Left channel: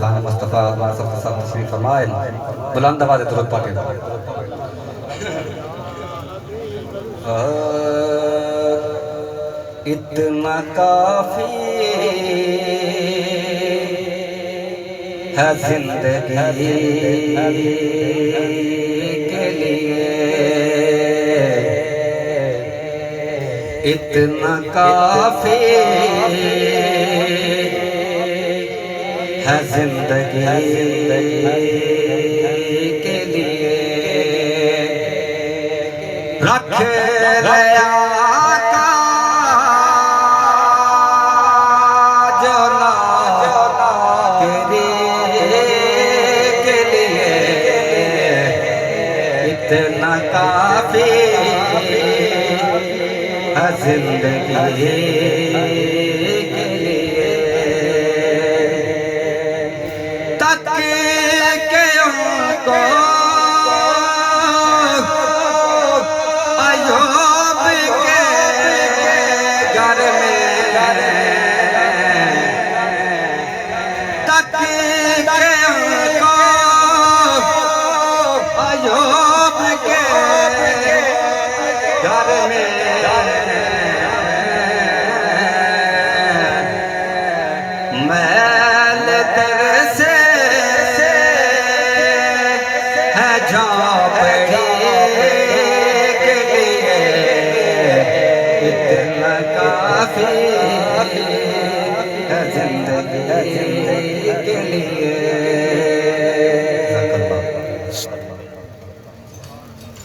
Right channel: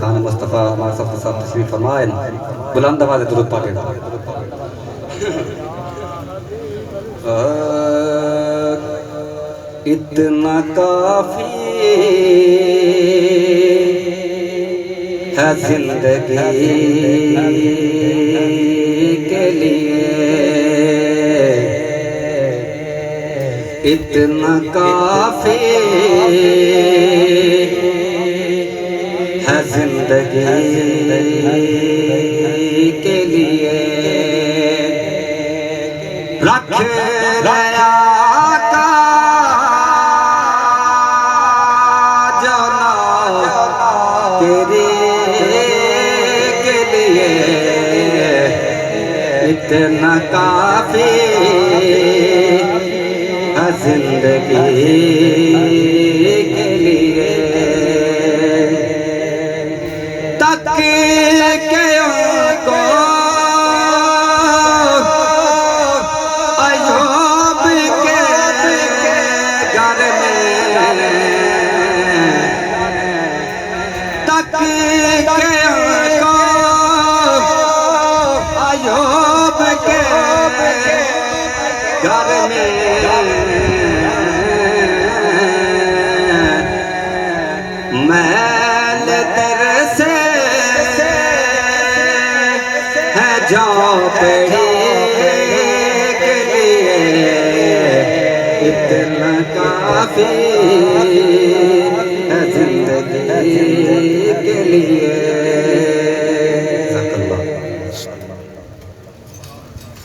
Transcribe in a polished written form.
खान मुस्तफ़ा हमारे सब तशरीफ फरमाए। बुलंद आवाज़ दुरूद पढ़ें। इतना काफी है जिंदगी के लिए, इतना काफी है जिंदगी के लिए। रख दया का जना तेरे के लिए, इतना काफी है जिंदगी